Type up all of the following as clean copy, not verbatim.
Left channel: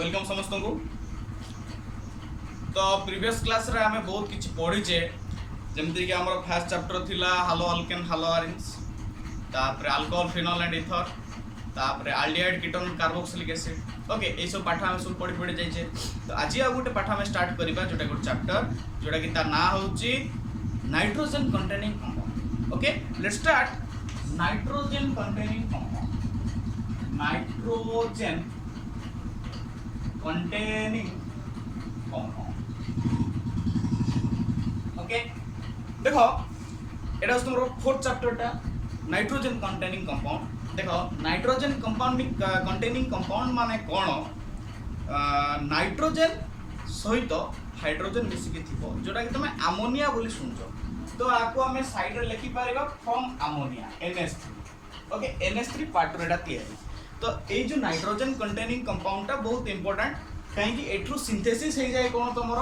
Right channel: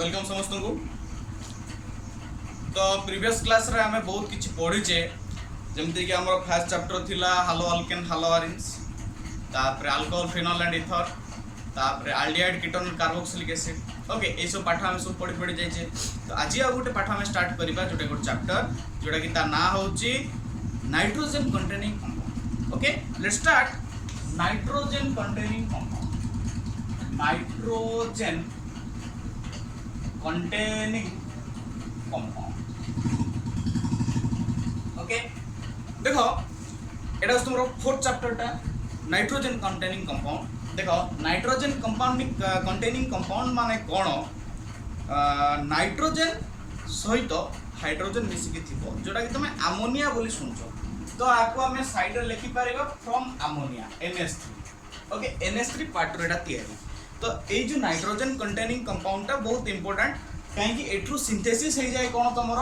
Welcome समस्त को। तो प्रीवियस क्लास रे आमे बहुत किछि पढिचे, जेमति कि हमर फर्स्ट चैप्टर थिला हालो अल्केन हालो अरेंज, तापर अल्कोहल फिनोल एंड ईथर, तापर aldehyde ketone carboxylic acid. Okay, ए सब पाठ हम सब पढि जाइछे। तो आज आ गुटे पाठ हम स्टार्ट करिबा जोटा गुटे चैप्टर जोटा कि ता ना होची nitrogen containing compound. Okay, let's start nitrogen containing compound. Nitrogen containing compound. Okay, देखो एटा तुमरो फोर्थ चैप्टर टा नाइट्रोजन कंटेनिंग कंपाउंड। देखो नाइट्रोजन कंपाउंडिंग कंटेनिंग कंपाउंड माने कोन? नाइट्रोजन सहित हाइड्रोजन मिसिकी थिबो जोटा कि तुमे अमोनिया बोली सुनछो। तो आको हमें साइड रे लिखि पारेबा from ammonia NH3। Okay, NH3 part रे एटा तयारी। तो ये जो नाइट्रोजन कंटेनिंग कंपाउंड टा बहुत इंपोर्टेंट, कहीं एठू सिंथेसिस हो जाए कौन तुम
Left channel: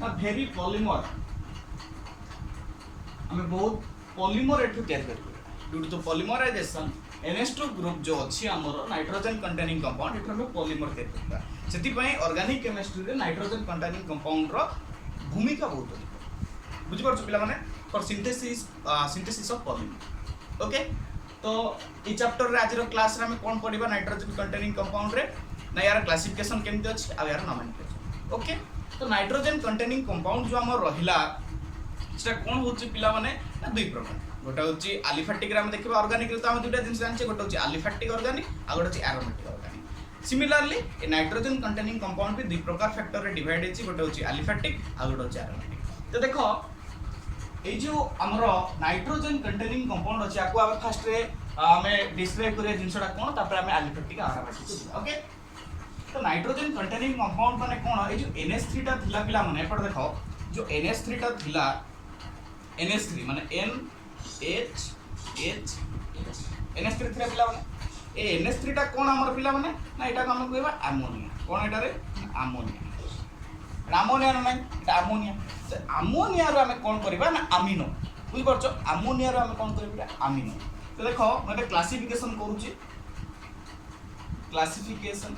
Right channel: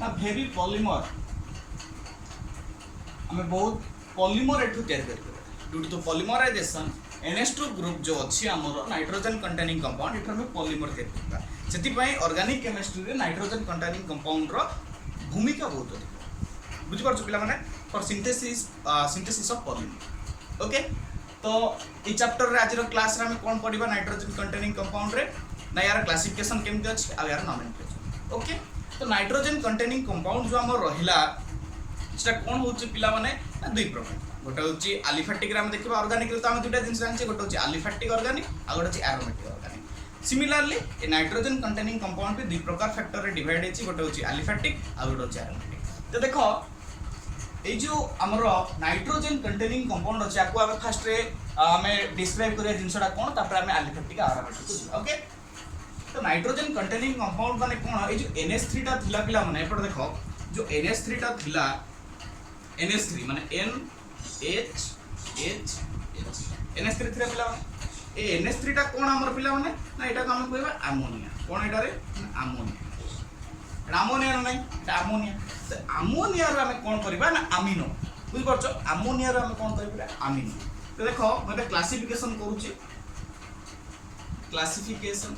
ना भेरी पॉलीमर। आम बहुत पॉलीमर एठू तैयार कर due to polymerisation NH2 group जो अच्छी आमर नाइट्रोजन कंटेनिंग कंपाउंड एठू हमें पॉलीमर तैयार करता। से ऑर्गेनिक केमिस्ट्री रे नाइट्रोजन कंटेनिंग कंपाउंड रो भूमिका बहुत अधिक। बुझी पारछ पिला माने for synthesis of polymer. Okay, तो ये चैप्टर रे आज क्लास रे हम कौन पढ़िबा नाइट्रोजन कंटेनिंग कंपाउंड रे ना यार क्लासिफिकेशन केमती अछि आ यार नोमेनक्लेचर। ओके, तो नाइट्रोजन कंटेनिंग कंपाउंड जो हमर रहिला सेटा कोन होछि पिला माने ना दुई प्रकार। गोटा होछि एलिफैटिक रे हम देखिबा ऑर्गेनिक रे तो हम दुटा जिंस जानछे, गोटा होछि एलिफैटिक ऑर्गेनिक आ गोटा होछि aromatic organic. Similarly A nitrogen containing compound भी दुई प्रकार फैक्टर रे डिवाइड हेछि, गोटा होछि एलिफैटिक आ गोटा होछि एरोमेटिक। तो देखो ए जो हमरो नाइट्रोजन कंटेनिंग कंपाउंड अछि आको हम फर्स्ट रे हमें डिस्क्राइब करिया जिंसटा कोन, तापर हमें एलिफैटिक आ एरोमेटिक को। ओके, तो नाइट्रोजन कंटेनिंग कंपाउंड माने कोन? ए जो NH3 टा थिला पिला माने एपड देखो जो NH3 टा थिला, NH3 माने NHH NH3 थिला पिला माने ए NH3 टा कोन हमर पिला माने ना एटा को हम कहबा अमोनिया। कोन एटा रे? अमोनिया। अमोनिया नै एटा अमोनिया। तो अमोनिया रो हम कोन करबा ना अमीनो। बुझ परछो, अमोनिया रो हम कोन करबा अमीनो। तो देखो मैं क्लासिफिकेशन करूची, क्लासिफिकेशन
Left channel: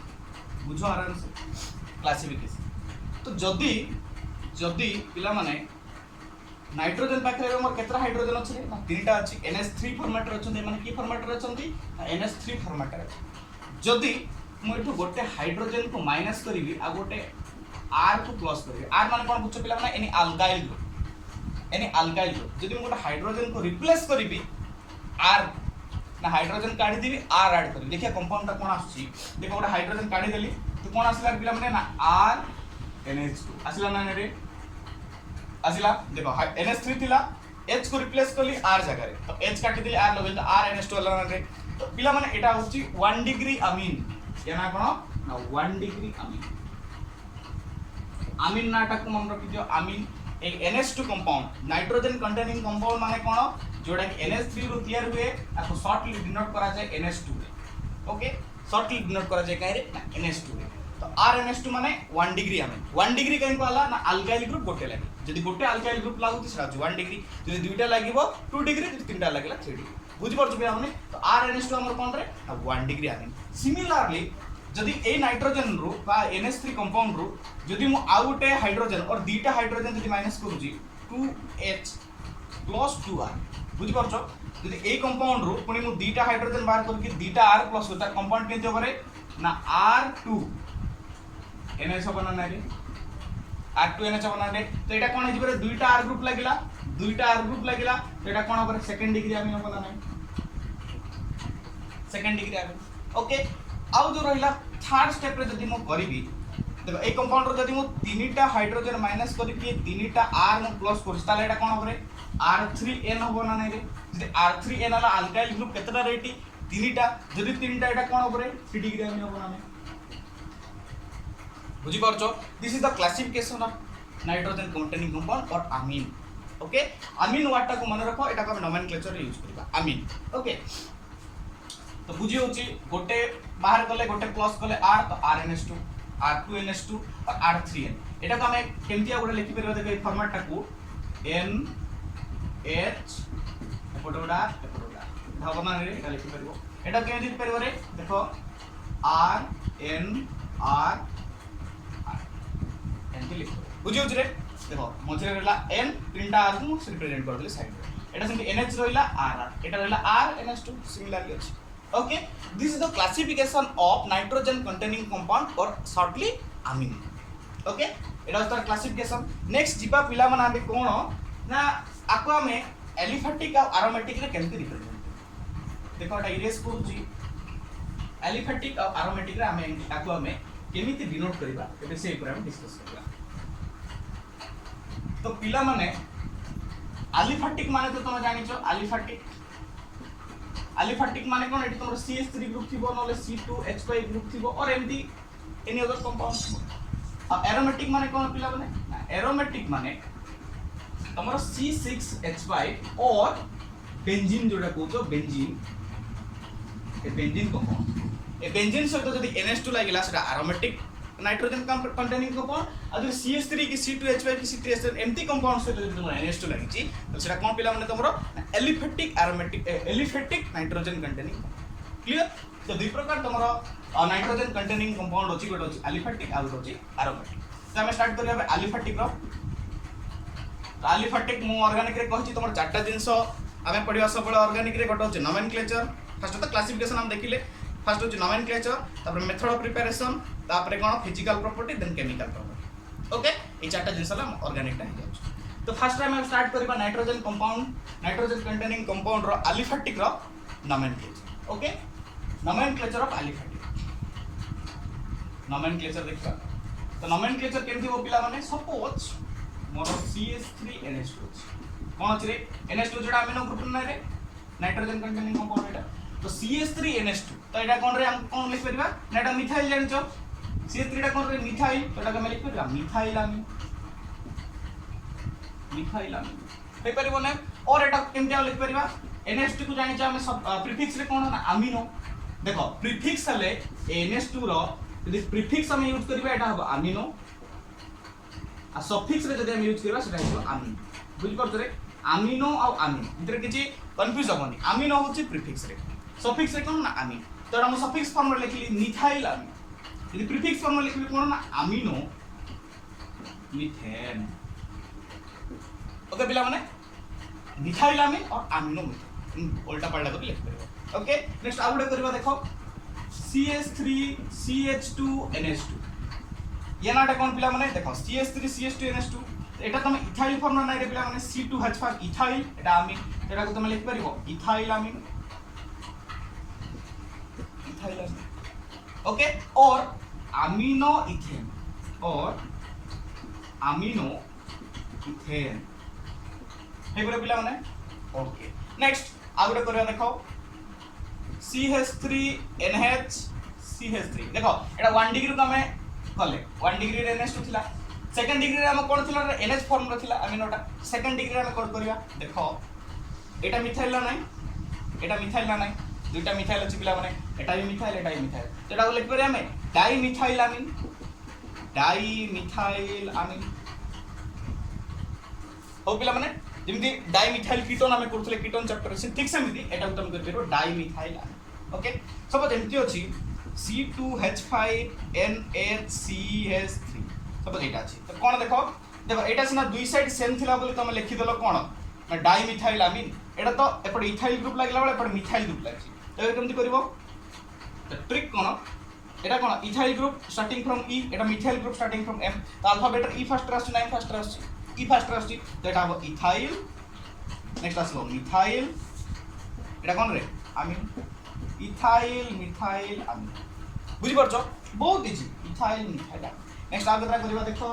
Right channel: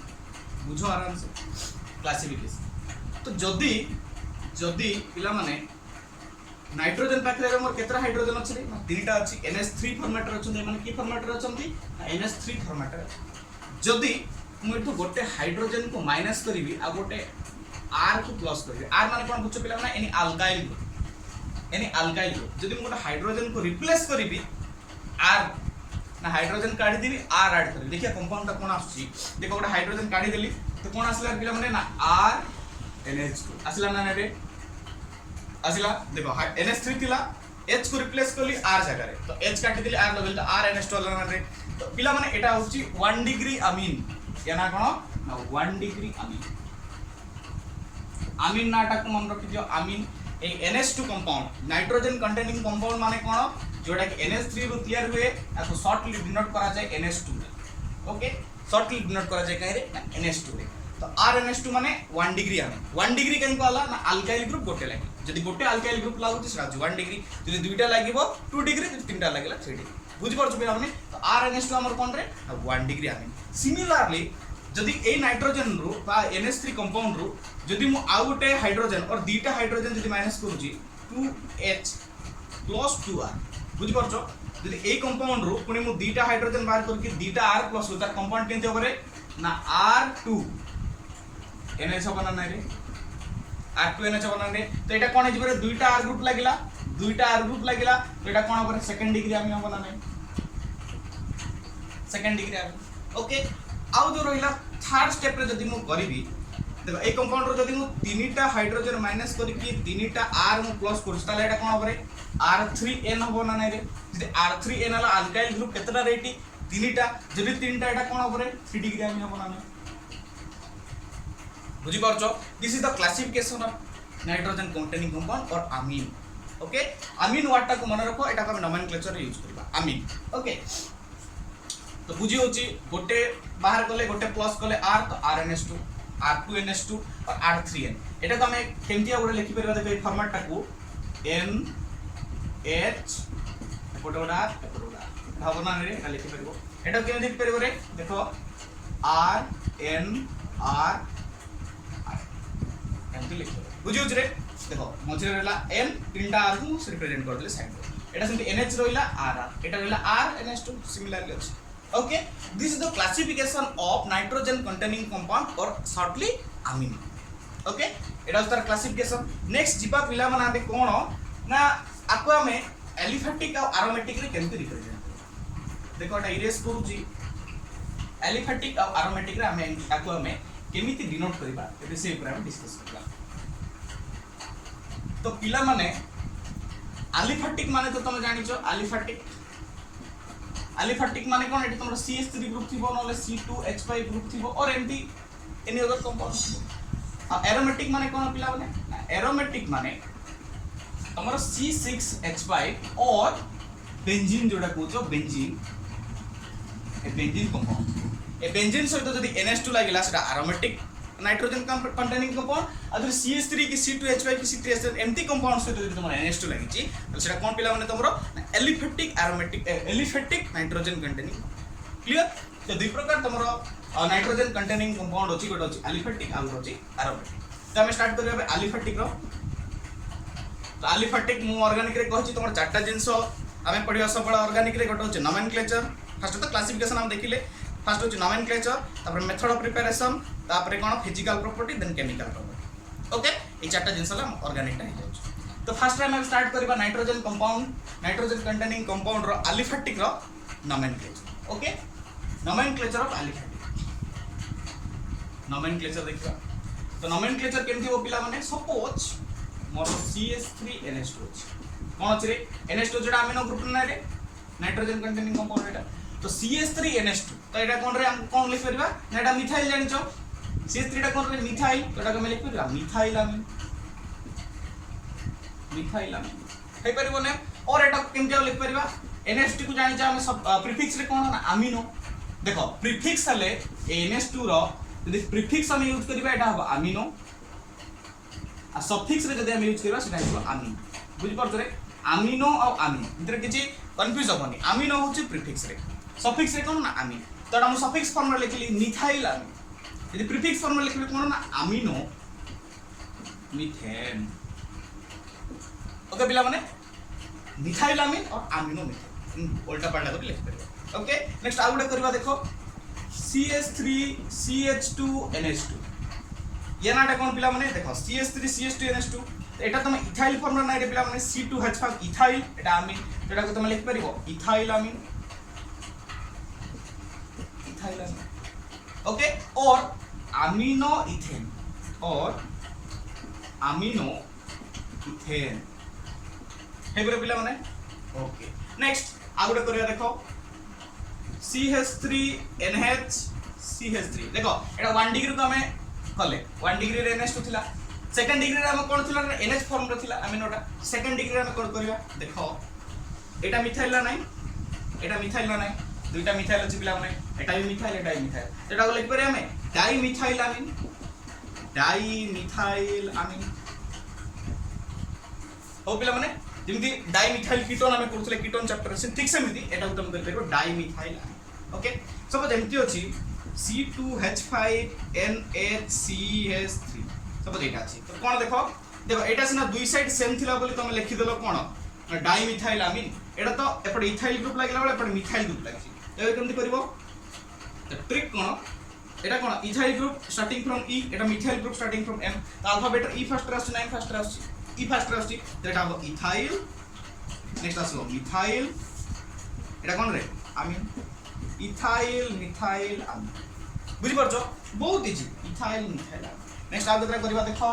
बुझो आराम से क्लासिफिकेशन। तो जदी पिला माने नाइट्रोजन पाखरे मोर केतरा हाइड्रोजन अछि रे? ना तीनटा अछि। NH3 फॉर्मेट रे अछन, माने की फॉर्मेट रे अछंती? NH3 फॉर्मेट रे। जदी मु एठू गोटे हाइड्रोजन को माइनस करिवि आ गोटे R को प्लस करिवि, R माने कोन बुझो पिला माने any alkyl group. Any alkyl group जदी मु गोटे हाइड्रोजन को रिप्लेस करिवि R ना हाइड्रोजन काढी दिबी R ऐड करी, देखिए कंपाउंड कोन आछी। देखो गोटे हाइड्रोजन काढी देली तो कोन आसला पिला माने ना R NH2 आसला ना रे आसला। देखो NH3 थिला, H को रिप्लेस करली R जगह रे, तो H काटी दिली R लगल तो R NH2 आसला ना रे। तो पिला माने एटा होची 1 डिग्री अमीन। या ना कोन ना 1 डिग्री अमीन। अमीन नाटा को मन रखि दियो अमीन। ए NH2 compound nitrogen containing compound माने कोन? जोड़ा कि NH3 रु तैयार हुए आको शॉर्टली डिनोट करा जाए NH2 रे। ओके, शॉर्टली डिनोट करा जाए काहे रे? NH2 रे। तो RNH2 माने 1 डिग्री आमे 1 डिग्री कहीं को आला ना अल्काइल ग्रुप गोटे लागि। जदी गोटे अल्काइल ग्रुप लागुची सेटा 1 डिग्री, जदी दुईटा लागिवो 2 डिग्री, जदी तीनटा लागिला 3 डिग्री। बुझि परछु बे हमने? तो RNH2 हमर कोन रे? 1 डिग्री आमे। सिमिलरली जदी ए नाइट्रोजन रु बा NH3 कंपाउंड रु जदी मु आ गोटे हाइड्रोजन और दीटा हाइड्रोजन जदी माइनस करूची 2H + 2R। बुझि परछो, जदी ए कंपाउंड रो पुनी मु दीटा हाइड्रोजन बाहर करके दीटा R प्लस होता कंपाउंड केनते होबरे ना R2 NH होबना नै रे, R2 NH होबना नै। तो एटा कोन हिजबरे दुईटा R ग्रुप लागिला, दुईटा R ग्रुप लागिला, तो एटा कोन होबरे सेकंड डिग्री अमीन होबना नै, सेकंड डिग्री अमीन। ओके, आउ जो रहिला थर्ड स्टेप रे जदी मु करिवि, देखो ए कंपाउंड रो जदी मु तीनटा हाइड्रोजन माइनस करके तीनटा R मु प्लस करछ ताले एटा कोन होबरे R3N होबना नै रे। जदी R3N वाला अल्काइल ग्रुप केतटा रेटी? तीनटा। जदी तीनटा एटा कोन होबरे 3 डिग्री अमीन होबना नै। बुझी परछो, this is the classification of nitrogen containing compound और अमीन। ओके, अमीन वाटा को मन रखो, एटा को हम नोमेनक्लेचर रे यूज करबा अमीन। ओके, तो बुझी होची गोटे बाहर करले गोटे प्लस करले R तो RNH2, R2 NH2 और R3N। एटा को हम केमतिया गोटे लिखि परबा। देखो ए फॉर्मेट टा को NH एपोडोडा भावना रे एटा लिखि परबो। एटा केमति लिखि परबो रे? देखो R N R एमती लिख बुझे रे देखो मझे रहा एन तीन टा आर को रिप्रेजेंट कर देले साइड एटा सेमती एनएच रहिला आर एटा रहिला आर एनएच2 सिमिलरली अछि okay this is the classification of nitrogen containing compound और शॉर्टली अमीन ओके एटा तार क्लासिफिकेशन नेक्स्ट जीवा पिला माने आबे कोन ना आको हमें एलिफैटिक और एरोमेटिक रे केमती रिप्रेजेंट देखो एटा इरेज करूची एलिफैटिक और एरोमेटिक रे हमें आको हमें केमिति डिनोट करबा एबे से ऊपर हम डिस्कस करबा तो पिला माने एलिफैटिक माने तो तुम जानिछो एलिफैटिक माने कोन एटी तुमरो CH3 ग्रुप थिबो नले C2H5 ग्रुप थिबो और एमडी एनी अदर कंपाउंड थिबो आ एरोमेटिक माने कोन पिला माने एरोमेटिक माने तुमरो C6H5 और बेंजीन जोडा कहउछो बेंजीन ए बेंजीन कंपाउंड ए बेंजीन सहित जदी NH2 लागिला सेटा aromatic nitrogen containing compound other CH3 की C2H5 की C3H7 एमटी कंपाउंड सहित जदी तुमरो NH2 लागिची तो सेटा कोन पिला माने तुमरो aliphatic aromatic aliphatic nitrogen containing clear तो दुई प्रकार तुमरो नाइट्रोजन कंटेनिंग कंपाउंड अछि गोटे अछि एलिफैटिक आ गोटे अछि एरोमेटिक तो हम स्टार्ट करबे एलिफैटिक रो तो एलिफैटिक मु ऑर्गेनिक रे कहछि तुमरो चारटा जिंस हमें पढिवा सब ऑर्गेनिक रे गोटे अछि नोमेनक्लेचर फर्स्ट तो क्लासिफिकेशन हम देखिले फर्स्ट होची नोमेनक्लेचर तापर मेथड ऑफ प्रिपरेशन तापर कोन physical property then chemical property okay ए चारटा जिंस ला ऑर्गेनिक टा हो तो फर्स्ट टाइम हम स्टार्ट करबा nitrogen compound nitrogen containing compound रो एलिफैटिक रो nomenclature okay nomenclature of aliphatic nomenclature देखा तो नोमेनक्लेचर केमथि वो पिला माने सपोज मोर CH3NH2 कोन अछि रे NH2 जोडा अमीनो ग्रुप नै रे नाइट्रोजन कंटेनिंग कंपाउंड एटा तो CH3NH2 तो एटा कोन रे हम कोन लिख परबा एटा मिथाइल जानिचो CH3 टा कोन रे मिथाइल तो एटा हम लिख परबा मिथाइल अमीन हे परिबो ने और एटा केमते लिख परबा NH2 को जानि हम सब प्रीफिक्स रे कोन ना अमीनो देखो प्रीफिक्स ले NH2 रो यदि प्रीफिक्स हम यूज करबा एटा हो अमीनो आ सफिक्स रे जदि हम यूज करबा सेटा हो अमीन बुझि परछ रे अमीनो और अमीन इधर किछि कंफ्यूज होबनी अमीनो होछि प्रीफिक्स रे सफिक्स रे कोन ना अमीन तो एटा हम सफिक्स फॉर्म रे लिखली मिथाइल अमीन यदि प्रीफिक्स फॉर्म रे लिखली कोन ना अमीनो मीथेन ओके पिला माने मिथाइल अमीन और अमीनो मीथेन उल्टा पलटा कर लिख परिबो ओके नेक्स्ट आ गुडे करबा देखो CH3 CH2 NH2 ये नाटा कोन पिला माने देखो CH3 CH2 NH2 एटा तुम इथाइल फॉर्म नै रे पिला माने C2H5 इथाइल एटा अमीन एटा को तुम लिख परिबो इथाइल अमीन ओके और अमीनो इथेन हे बोले पिला माने ओके नेक्स्ट आगुडे करिया देखो CH3NH CH3 देखो एटा 1 डिग्री को हमें कले 1 डिग्री रे NH2 थिला सेकंड डिग्री रे हम कोन थिला NH फॉर्म रे थिला अमीनोटा सेकंड डिग्री रे हम कोन करिया देखो एटा मिथाइल ला नै एटा मिथाइल ला नै दुईटा मिथाइल अछि पिला माने एटा भी मिथाइल एटा को लिख पर हमें डाइमिथाइल अमीन हो पिला माने जेमति डाइमिथाइल कीटोन हमें करथले कीटोन चैप्टर से ठीक से मिदी एटा तुम कर परबो डाइमिथाइल अमीन ओके सपोज जेमति अछि C2H5NHCH3 सपोज एटा अछि तो कोन देखो एटा सिना दुई साइड सेम थिला बोली तुम लिखि देलो कोन डाइमिथाइल अमीन एटा तो एपड इथाइल ग्रुप लागला बळे एपड मिथाइल ग्रुप लागछि तो केमति करबो तो ट्रिक कोन एटा कोन ethyl group starting from E एटा methyl group starting from M तो अल्फाबेट E फर्स्ट रास्ट नाइन फर्स्ट रास्ट E फर्स्ट रास्ट तो एटा हो इथाइल नेक्स्ट आसबो मिथाइल एटा कोन रे अमीन इथाइल मिथाइल अमीन बुझि परछो बहुत इजी इथाइल मिथाइल नेक्स्ट आगे केतरा करबा देखो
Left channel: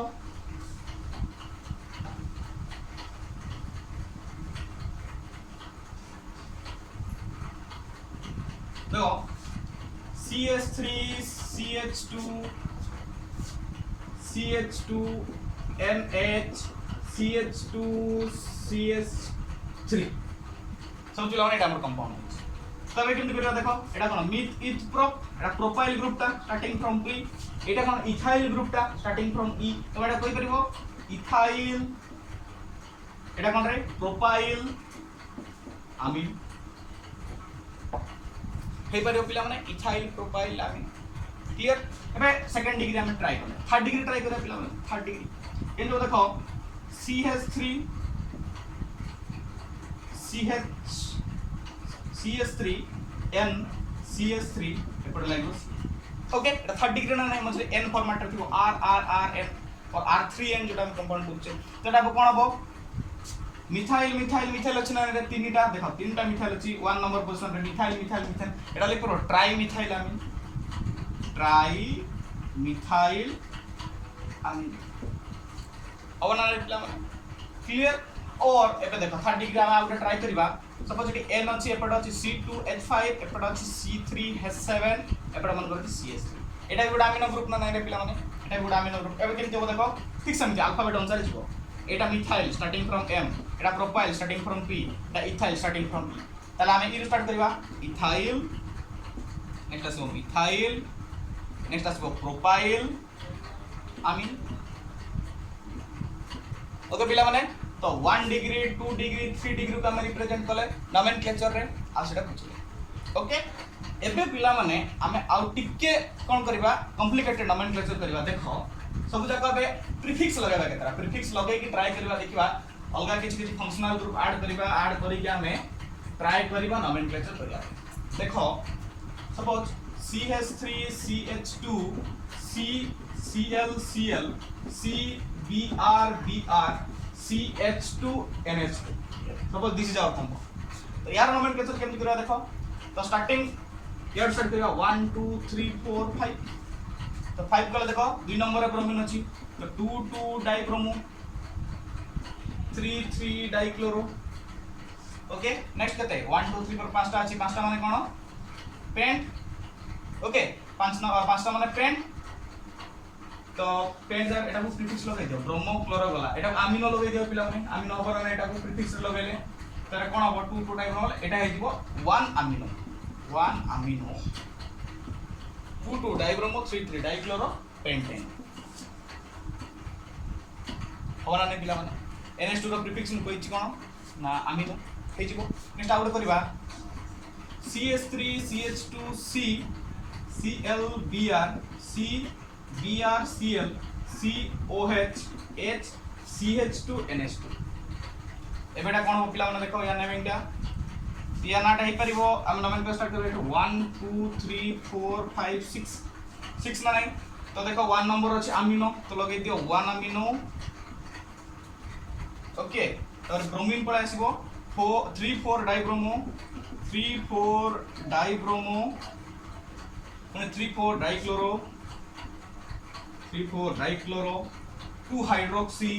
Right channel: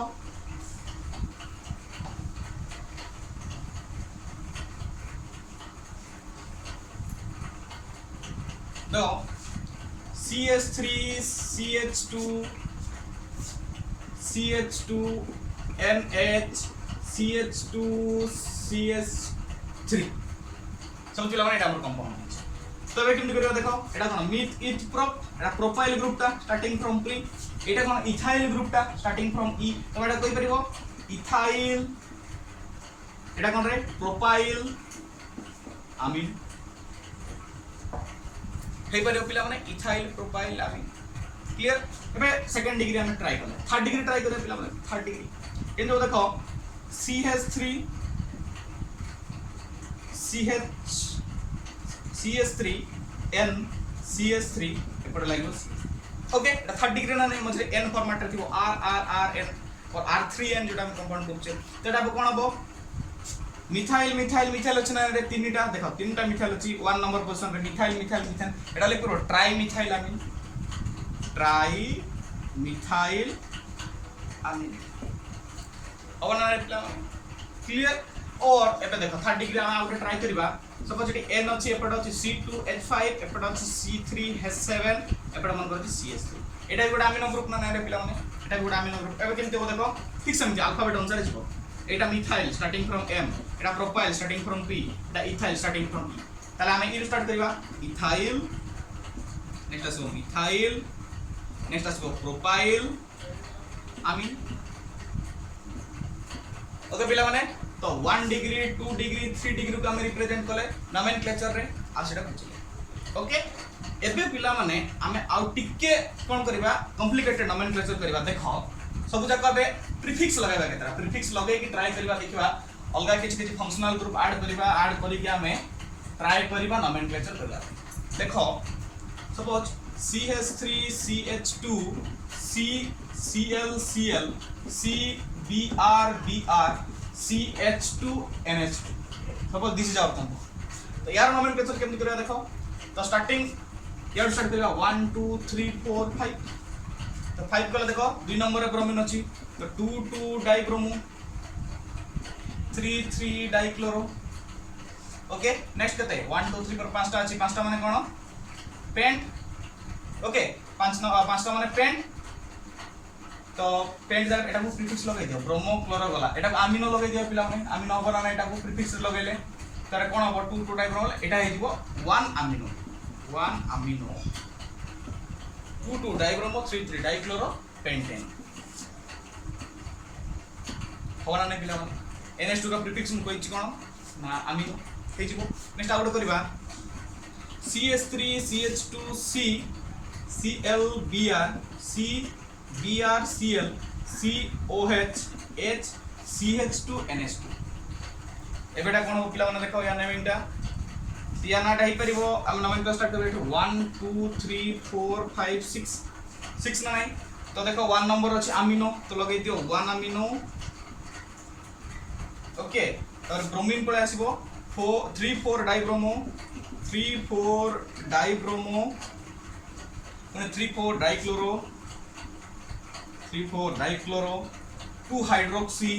देखो CH3 CH2 NH CH2 CH3 सब पिला माने एटा हमर कंपाउंड तो एबे केमति करिया देखो एटा कोन मिथ इथ प्रोप एटा प्रोपाइल ग्रुप ता स्टार्टिंग फ्रॉम P एटा कोन इथाइल ग्रुप टा स्टार्टिंग फ्रॉम E तो एटा कोइ परिबो इथाइल एटा कोन रे प्रोपाइल अमीन हे परिबो पिला माने इथाइल प्रोपाइल अमीन क्लियर एबे सेकंड डिग्री हम ट्राई कले थर्ड डिग्री ट्राई करे पिला थर्ड डिग्री ये जो देखो CH3 CH3 N CH3 एपटे लागो ओके एटा थर्ड डिग्री ना नहीं मझे N फॉर्मेट रे थिबो R और R3N जोटा हम कंपाउंड करछे तेटा कोन हबो मिथाइल अछि ना रे तीनटा देखो तीनटा मिथाइल अछि 1 नंबर पोजीशन रे मिथाइल एटा लिख करो ट्राई मिथाइल अमीन अब ना रिप्लाई क्लियर और एपे देखो थर्ड डिग्री हम आउट ट्राई करबा सपोज एटी N अछि एपट अछि C2H5 एपट अछि C3H7 एपट मन करछि CH3 एटा गुडा अमीनो ग्रुप ना रे पिला माने एटा गुडा अमीनो ग्रुप एबे केमते हो देखो ठीक समझ अल्फाबेट अनुसार जिवो एटा methyl starting from M Etah propyl starting from P Etah ethyl starting from P ताले हमें ई स्टार्ट करबा इथाइल नेक्स्ट आसो मिथाइल नेक्स्ट आसो प्रोपाइल अमीन ओके पिला माने तो 1 डिग्री 2 डिग्री 3 डिग्री को हम रिप्रेजेंट कले नोमेनक्लेचर रे आ सेटा बुझले ओके एबे पिला माने हमें आउ टिके कोन करबा कॉम्प्लिकेटेड नोमेनक्लेचर करबा देखो सब जगह रे प्रीफिक्स लगाबा केतरा प्रीफिक्स लगै कि ट्राई करबा देखबा अलगा किछि फंक्शनल ग्रुप ऐड करी कि हमें ट्राई करबा नोमेनक्लेचर करबा देखो suppose CH3 CH2 CCl CBr CH2 NH2 suppose this is our compound तो यार नोमेनक्लेचर केमति करबा देखो तो स्टार्टिंग यार स्टार्ट करबा 1 2 3 4 5 तो 5 कले देखो 2 नंबर रे ब्रोमीन अछि तो 2 2 डाइब्रोमो 3 3 डाइक्लोरो ओके नेक्स्ट कते 1 2 3 पर पांचटा अछि पांचटा माने कोन पेंट ओके पांचटा माने पेंट तो पेंट जगह एटा को प्रीफिक्स लगाइ दियो ब्रोमो क्लोरो गला एटा को अमीनो लगाइ दियो पिला माने अमीनो बना ना एटा को प्रीफिक्स लगाइले तारे कोन हो 2 2 डाइब्रोमो एटा हे दिबो 1 अमीनो 2 2 डाइब्रोमो 3 3 डाइक्लोरो पेंटेन होना नै पिला माने NH2 रो प्रीफिक्स न कोइ छि कोन ना अमीनो हे जिवो नेक्स्ट आउट करबा CH3 CH2 C ClBr CBrCl COH H CH2 NH2 एबेटा कोन हो पिला माने देखो या नेमिंगटा या नाटा हे परिबो हम नोमेनक्लेचर स्टार्ट करबे 1 2 3 4 5 6 ना नहीं तो देखो 1 नंबर अछि अमीनो तो लगै दियो 1 अमीनो ओके और ब्रोमीन पळे आसीबो 3 4 dibromo 3 4 dibromo 3 4 dichloro 3 4 dichloro 2 hydroxy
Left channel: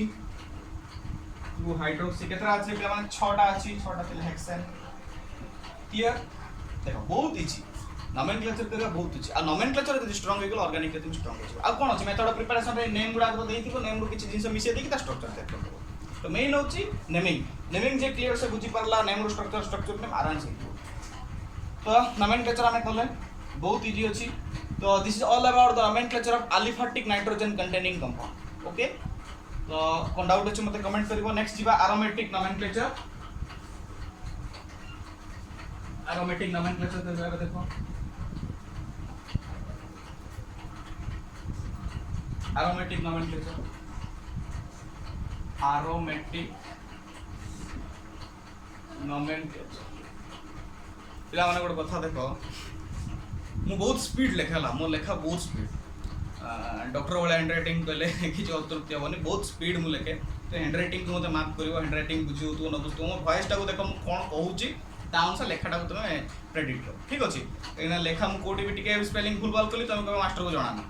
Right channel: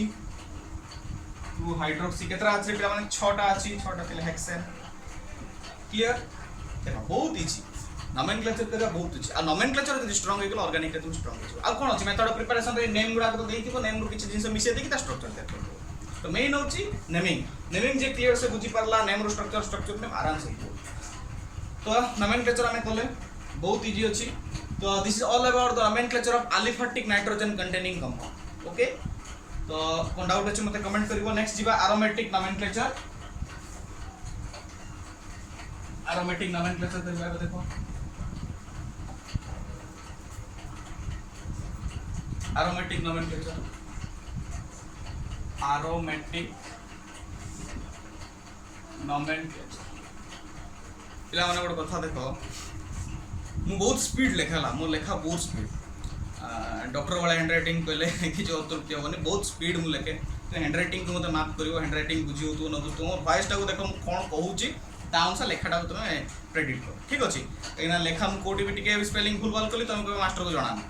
केतरा अछि पिला माने 6टा अछि 6टा तिले हेक्सेन क्लियर देखो बहुत इजी नोमेनक्लेचर तेरा बहुत इजी आ नोमेनक्लेचर जदि स्ट्रांग हे गेल ऑर्गेनिक रे तुम स्ट्रांग हो आ कोन अछि मेथड ऑफ प्रिपरेशन रे नेम गुडा को देइथिबो नेम रो किछि जिंस मिसे देकी ता स्ट्रक्चर दे करबो तो मेन होछि नेमिंग जे क्लियर से बुझी परला नेम रो स्ट्रक्चर में आराम से तो नोमेनक्लेचर हमें करले बहुत इजी अछि तो this is all about the nomenclature of aliphatic nitrogen containing compound okay तो कोन डाउट अछि मते कमेंट करिवो नेक्स्ट जिबा एरोमेटिक नोमेनक्लेचर करबा देखो एरोमेटिक नोमेनक्लेचर पिला माने गोटे कथा देखो मु बहुत स्पीड लेखाला मो लेखा बहुत स्पीड डॉक्टर वाला हैंडराइटिंग कहले किछ अतृप्ति होनी बहुत स्पीड मु लेखे तो हैंडराइटिंग को मते माफ करिवो हैंडराइटिंग बुझियो तो न बुझतो मो वॉइस टा को देखो मु कोन कहूची ता अनुसार लेखाटा को तुमे प्रेडिक्ट करो ठीक अछि एना लेखा मु कोडी भी टिके स्पेलिंग भूल भाल कली तुम को मास्टर को जणाना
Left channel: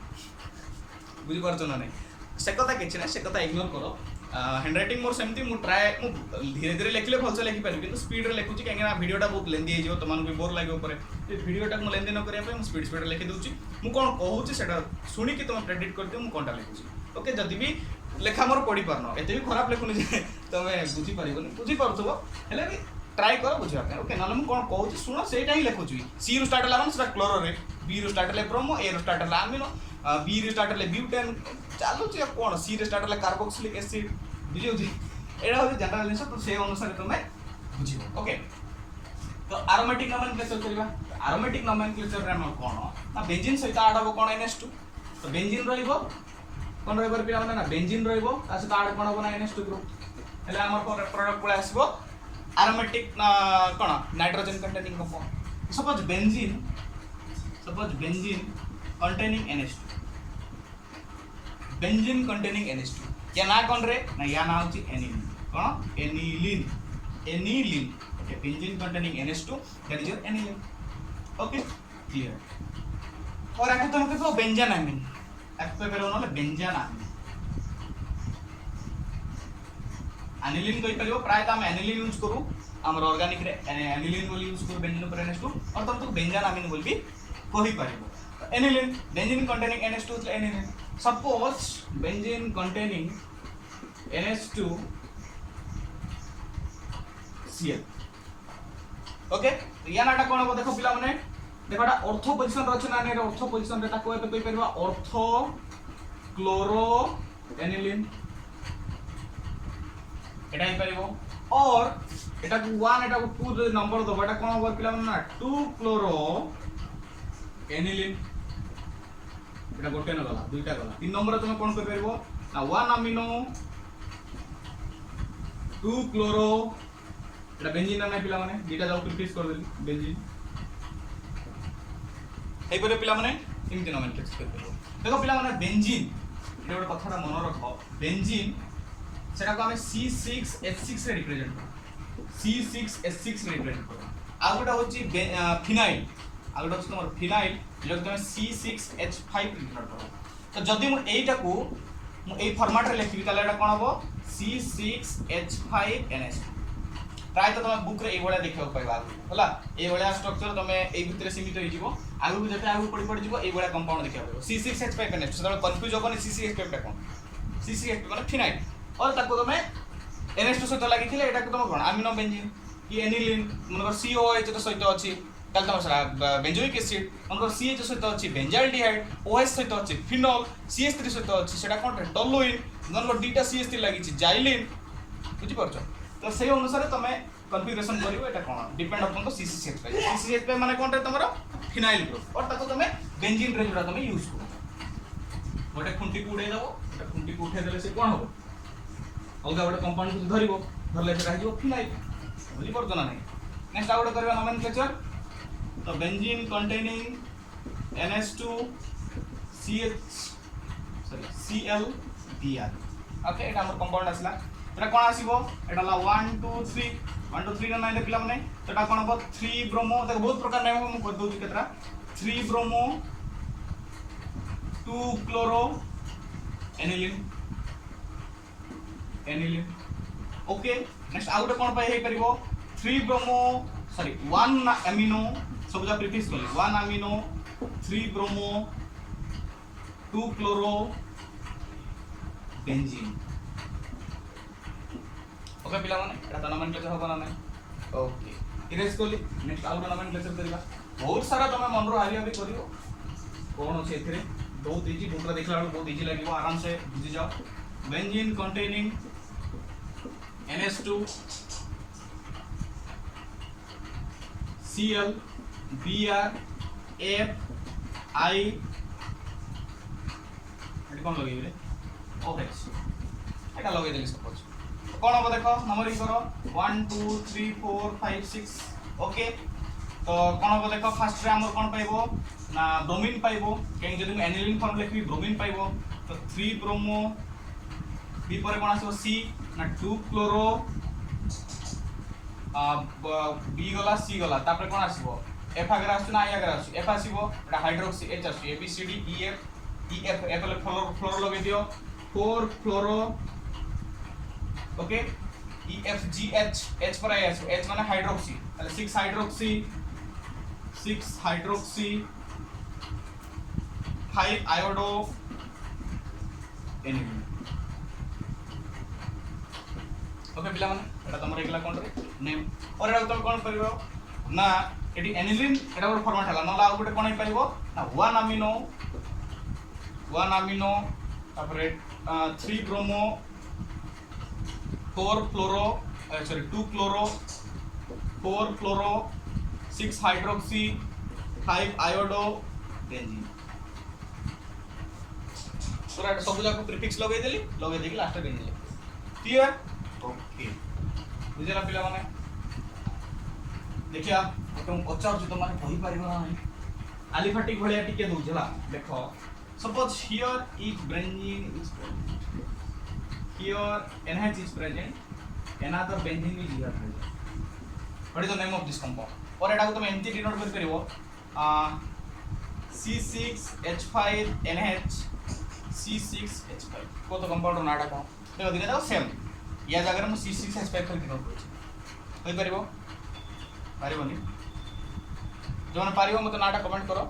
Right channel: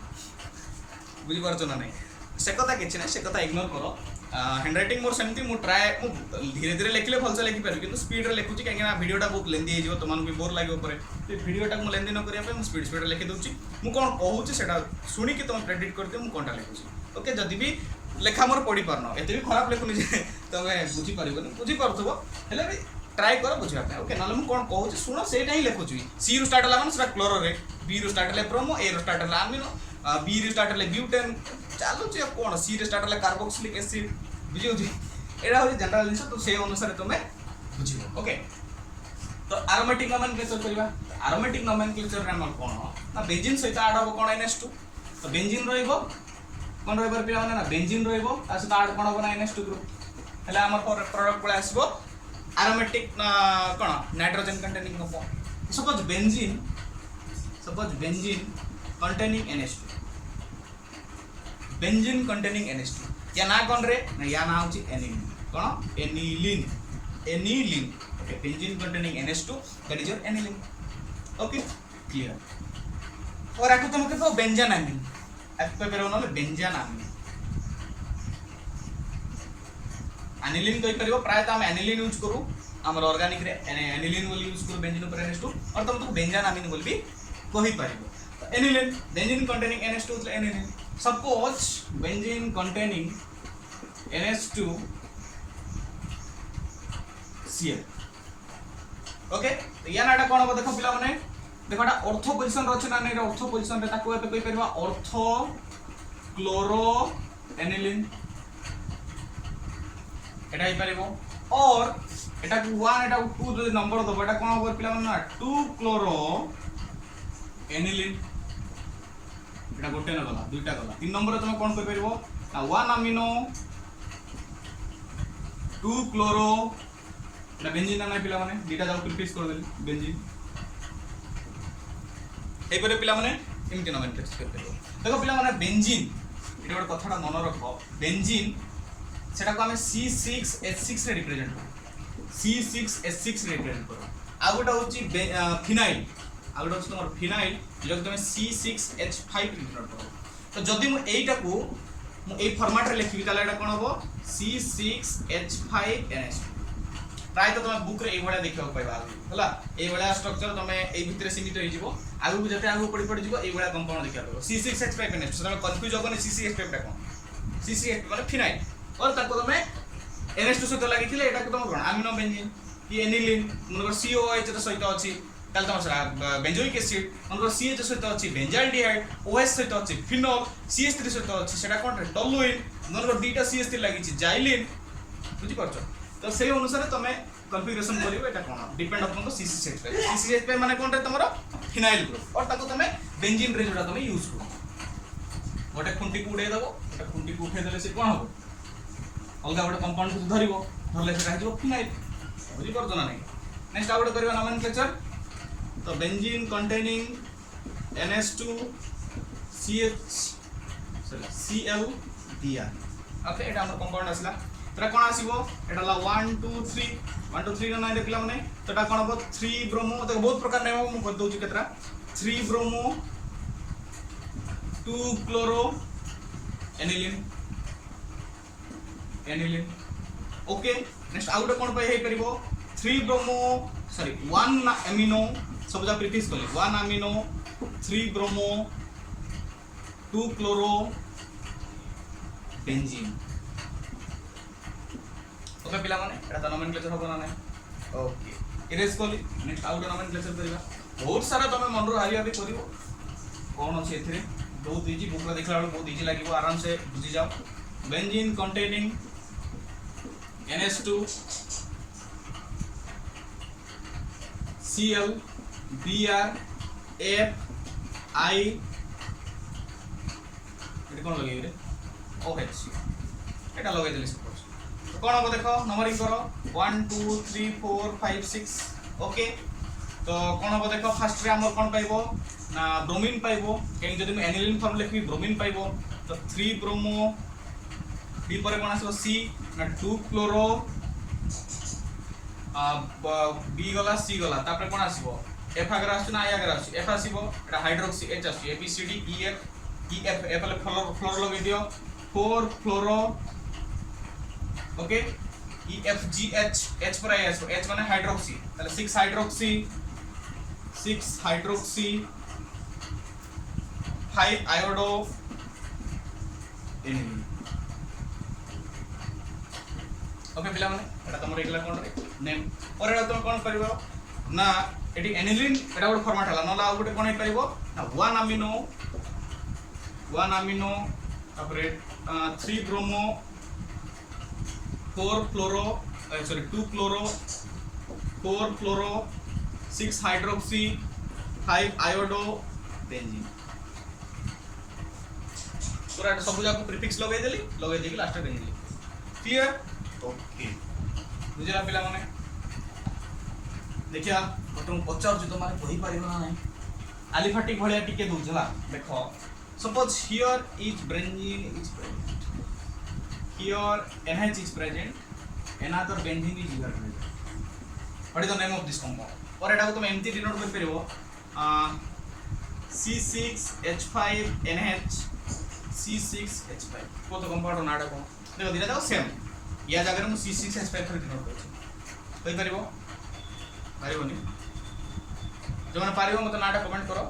बुझी परछो ना नहीं से कथा किछ ना से कथा इग्नोर करो हैंडराइटिंग मोर सेमती मु ट्राई मु धीरे धीरे लिखले भलसे लिखि पारु किंतु स्पीड रे लिखुची काहेना वीडियोटा बहुत लेंदी हे जिवो तमान भी बोर लागो परे ते वीडियोटा मु लेंदी न करिया पे मु स्पीड लिखि दउची मु कोन कहूची सेटा सुनी कि तुम प्रेडिक्ट करते मु कोनटा लिखुची ओके जदी भी लेखा मोर पढी परनो एते भी खराब लिखुनी जे तमे बुझी परिबोनी बुझी परथबो हेले भी ट्राई करो बुझिया पे ओके नाले मु कोन कहूची सुनो सेटा ही लिखुची सी रो स्टार्ट होला माने सेटा क्लोरो रे बी रो स्टार्ट होला ब्रोमो ए रो स्टार्ट होला अमीनो बी रो स्टार्ट होला ब्यूटेन चालू छी कोन सी रो स्टार्ट होला कार्बोक्सिलिक एसिड बुझियो जी एटा हो जनरल जिंस तो से अनुसार तुमे बुझियो ओके तो एरोमेटिक नोमेनक्लेचर करबा एरोमेटिक नोमेनक्लेचर रे हम कोन ना बेंजीन सहित ऐड हो कोन NH2 तो बेंजीन रहइबो कोन रहइबर पिला माने ना बेंजीन रहइबो आ सहित ऐड कोन हो ना NH2 ग्रुप हला हमर प्रोडक्ट पळे आसीबो एरोमेटिक कोन nitrogen containing compound suppose benzene containing NH2 benzene containing NH2 या ना कोन रे ना या ना होची aniline cone aniline okay benzene containing NH2 that is your aniline okay clear और आके तुम कहबो बेंजानामिन एफ पे पेरो नले बेंजानामिन एनिलीन कहि परिबो प्राय त हम एनिलीन यूज करू हमर ऑर्गेनिक रे एनिलीन बोली यूज करू बेंजीन ऊपर NH2 और तुम तो बेंजानामिन बोली भी कहि परिबो एनिलीन बेंजीन containing NH2 तो aniline suppose benzene containing NH2 Cl okay या नाटा कोन हो देखो पिला माने देखोटा ऑर्थो पोजीशन रचना नै ऑर्थो पोजीशन रे ताको एपे कहि परबा ऑर्थो क्लोरो एनिलीन एटा ही परबो और एटा को 1 एटा को 2 नंबर दबो एटा कोन हो पिला माने ना 2 क्लोरो एनिलीन एटा गोटे न गला दुईटा गला 3 नंबर तुम कोन कहि परबो ना 1 अमीनो 2 क्लोरो एटा बेंजीन ना पिला माने दीटा जाऊ प्रिफिक्स कर देली बेंजीन ए परे पिला माने इनके नोमेनक्लेचर कर देलो देखो पिला माने बेंजीन एटा गोटे कथाटा मन रखो बेंजीन सेटा को हमें C6H6 रे रिप्रेजेंट करू C6H6 रे रिप्रेजेंट करू आ गोटा होची फिनाइल आ गोटा होची तुम्हार फिनाइल जो तुम C6H5 रिप्रेजेंट करू तो जदी मु एटा को मु ए फॉर्मेट रे लिखि ताले एटा कोन होबो C6H5NH2 प्राय तो तुम बुक रे ए बडा देखियो पाइबा होला ए बडा स्ट्रक्चर तुम ए भितर सीमित होई जिवो आगु को जते आगु पड़ी जिवो ए बडा कंपाउंड देखियो पाइबो C6H5NH तो तुम कंफ्यूज होबनी C6H5 टा कोन C6H माने फिनाइल और ताको तुम NH2 सहित लागि थिले एटा को तुम कोन अमीनो बेंजीन कि एनिलीन मनकर COH तो सहित अछि ताल तुम सरा बेंजोइक एसिड मनकर CH सहित अछि बेंजाल्डिहाइड OH सहित अछि फिनोल CH3 सहित अछि सेटा कोन रे टोलुइन मनकर दुईटा CH3 लागि छि जाइलिन बुझि परछो तो से अनुसार तुम कॉन्फ़िगरेशन करियो एटा कोन डिपेंड अपन तो C6H5 माने कोन रे तमरो फिनाइल ग्रुप और ताको तुम बेंजीन रे जोडा तुम यूज करो गोटे खुंटी को उडे दबो गोटे खुंटी को उठे देले से कोन हो अलगा गोटे कंपाउंड को धरिबो धरले से रहि जबो फिनाइल बुझि परछो ना नहीं नेक्स्ट आउट करबा नोमेनक्लेचर तो benzene containing NH2 Cl Br okay एटा हमर कंपाउंड आसला एटा कोन आसीबो एटा ला 1 2 3 ना नाइन पिला माने तो एटा कोन हो 3 ब्रोमो देखो बहुत प्रकार नेम हम कर दउ छि केतरा 3 bromo 2 chloro aniline okay next out कोन पाई हे परिबो 3 ब्रोमो सॉरी 1 अमीनो सब जा प्रीफिक्स करले 1 amino 3 bromo 2 chloro benzene okay पिला माने एटा त नोमेनक्लेचर होबा ना नै ओके इरेज करली नेक्स्ट आउट नोमेनक्लेचर करिबा बहुत सारा तमे मन रो हारिया भी करिवो कोन अछि एथिरे बहुत इजी बुकरा देखला बहुत इजी लागिवो आराम से बुझि जाओ benzene containing NH2 Cl Br F I एटा कोन लगे रे OH एटा लगे देली सपोज कोन हो देखो नंबरिंग करो 1 2 3 4 5 6 ओके तो कोन हो देखो फर्स्ट रे हमर कोन पाइबो ना ब्रोमीन पाइबो केन जदि हम एनिलीन फॉर्म लिखबी ब्रोमीन पाइबो तो 3 ब्रोमो बी परे कोन आसो C ना 2 क्लोरो बी गला C गला तापर कोन आसीबो F अगर आसु ना I अगर आसु F आसीबो एटा हाइड्रोक्सी H आसु ABCD EF F ले फ्लोरो लगे दियो 4 फ्लोरो ओके EFGH H पर आया सो H माने हाइड्रोक्सी ताले 6 हाइड्रोक्सी 5 आयोडो एनिलीन ओके पिला माने एटा तमर एकला कोन रे नेम और एटा तुम कोन करबो ना एटी एनिलीन एटा गोटे फॉर्मेट हला नला और गोटे कोन हे पाइबो ना 1 अमीनो तापर 3 ब्रोमो 4 फ्लोरो सॉरी 2 क्लोरो 4 फ्लोरो 6 हाइड्रोक्सी 5 आयोडो बेंजीन पूरा सब जाक प्रीफिक्स लगे देली लगे देकी लास्ट बेंजीन क्लियर ओके बुझला पिला माने देखिया तुम पचार तो माने कहि परिबो ना नहीं एलिफेटिक भलिया टिके दूजला देखो suppose here is benzene is present here NH is present another benzene is here present what is the name of this compound और एटा को तुम एमटी डिनोट कर परिबो C6H5 NH C6H5 को तो कंपाउंड नाडा को देखो दिने दाओ सेम या जगह में C6H5 कर डिनोट करछि कहि परिबो परिबोनी जो माने परिबो मते नाडा कमेंट करो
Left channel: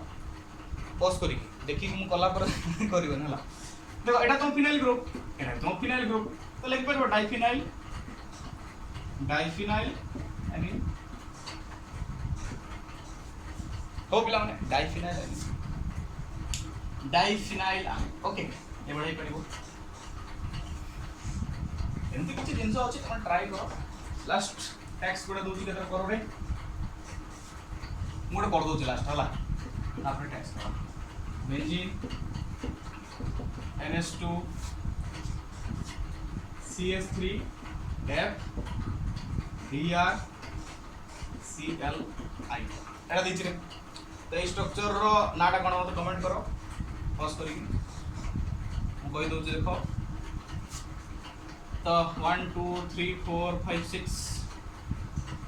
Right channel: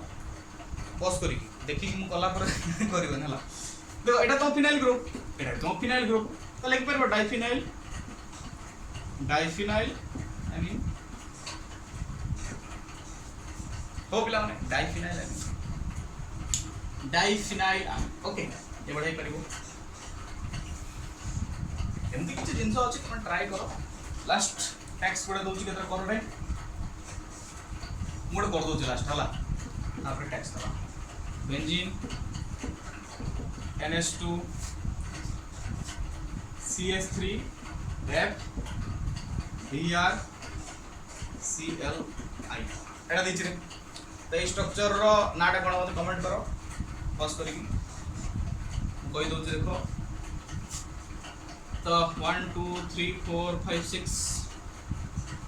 पॉज करी देखि कि मु कला पर करिबो हला देखो एटा तो फिनाइल ग्रुप एटा तो फिनाइल ग्रुप तो लिख परबो डाइफिनाइल आई मीन हो पिला माने डाइफिनाइल ओके ये बढ़ाई परबो एमती किछि जिंस अछि तम ट्राई करो लास्ट टैक्स कोड दोछि केतर करो रे मोड कर दोछि लास्ट हला तापर टैक्स करो benzene NH2 CH3 F Br Cl I एटा दिछि रे तो ई स्ट्रक्चर रो नाटा कोन मते कमेंट करो पॉज करी कोइ दोछ देखो तो 1 2 3 4 5 6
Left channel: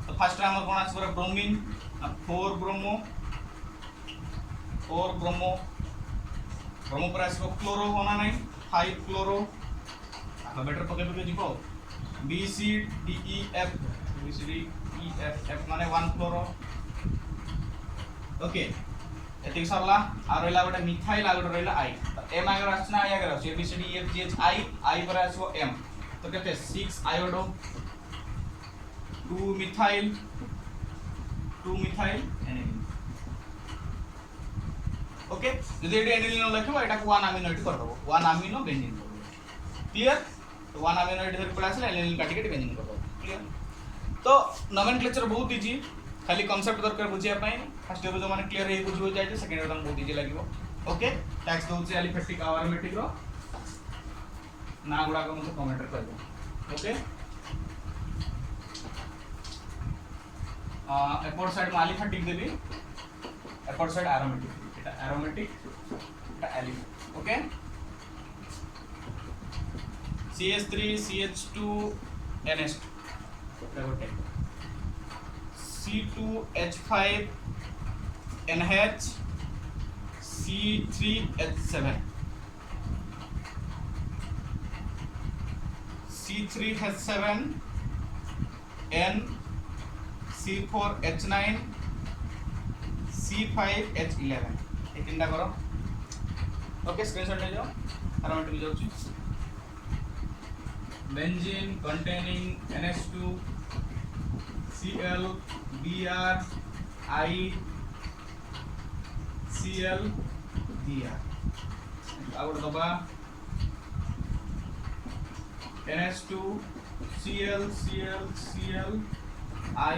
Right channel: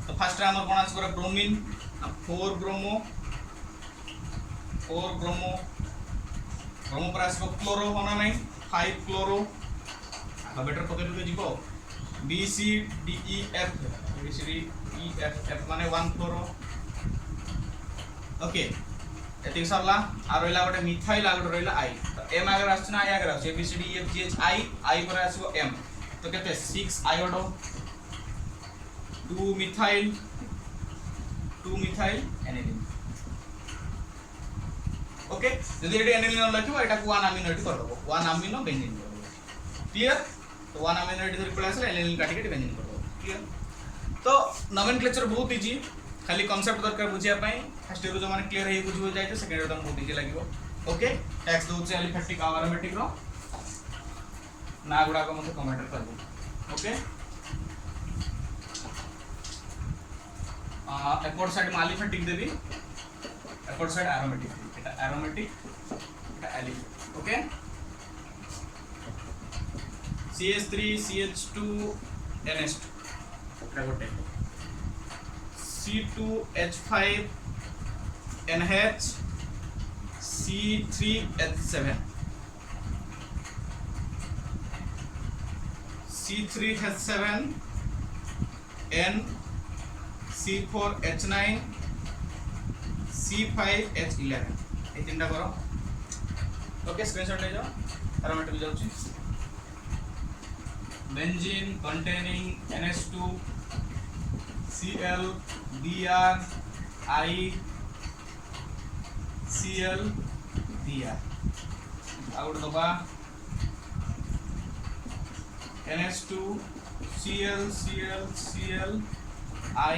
तो फर्स्ट टाइम कोन आछ करे ब्रोमीन 4 ब्रोमो ब्रोमो पर आसो क्लोरो होना नहीं 5 क्लोरो आका बेटर पके जीवो B C D E F माने 1 क्लोरो ओके एति सरला आ रहला गोटे मिथाइल आ गोटे रहला आई एम आगे आछ ना आई आगे आछ A B C D F G H I पर आसो एम तो केते 6 आयोडो 2 मिथाइल एनिलीन ओके यदि एटी एनिलीन लिखबो एटा 1 अमीनो एटी कर दबो 1 अमीनो बेंजीन कर दबो क्लियर तो 1 अमीनो एटी धरि पड़ा आसे एनिलीन काटी के बेंजीन कर दबो क्लियर तो नोमेनक्लेचर बहुत इजी खाली कांसेप्ट दरकार बुझिया पई फर्स्ट इयर जो माने क्लियर हे बुझो जाय तो सेकंड इयर तम बहुत इजी लागिवो ओके टैक्स दोचे एलिफेटिक आरोमेटिक रो ना गुडा को मते कमेंट कर दो ओके एपोर्ट साइड में एलिफेटिक देबी एपोर्ट side आरोमेटिक aromatic aliph okay CH3 CH2 NH2 eta gote C2H5 NH C3H7 C3H7 N C4H9 C5H11 तीनटा करो ओके स्क्रीनशॉट ले जाओ एरोमेटिक ले जाउची benzene containing NH2 Cl Br I Cl Br out दबा NH2 Cl I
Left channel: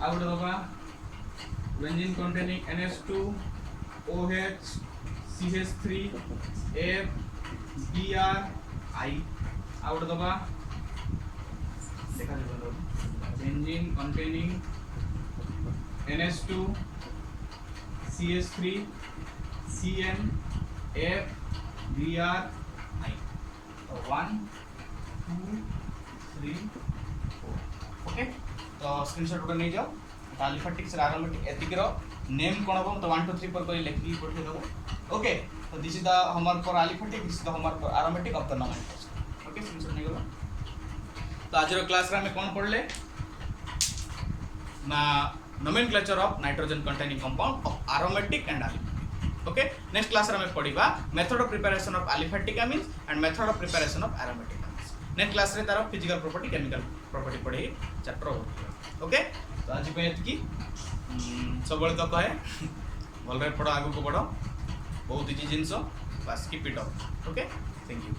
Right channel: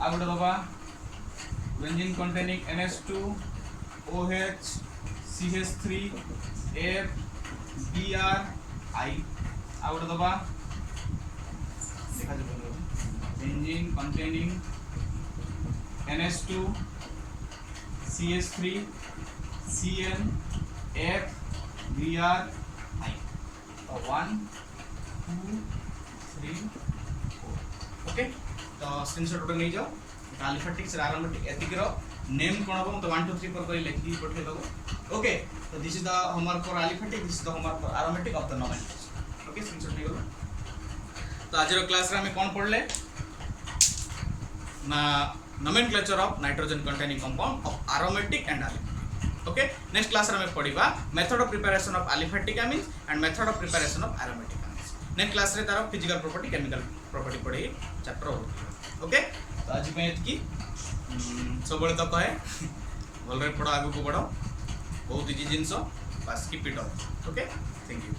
out दबा benzene containing NH2 OH CH3 F Br I out दबा देखा जो benzene containing NH2 CH3 Cn F Br I तो 1 2 3 4 okay तो screenshot उठा नहीं जाओ एलिफेटिक्स आरोमेटिक एतिक रो नेम कोन हो तो 1 2 3 पर कोई लिखि पठे दो ओके तो this is the homework for aliphatic this is the homework for aromatic of the nomenclature okay screenshot नहीं गलो तो आज रो क्लास रे हम कोन पढले ना nomenclature of nitrogen containing compound of aromatic and aliphatic okay next class रे हम पढिबा method of preparation of aliphatic amines and method of preparation of aromatic amines next class रे तार फिजिकल प्रॉपर्टी केमिकल प्रॉपर्टी पढी chapter हो okay तो आज की सब तो कहे भल पढ़ आगू को बढ़ बहुत इजी जिनस बस keep it up okay thank you.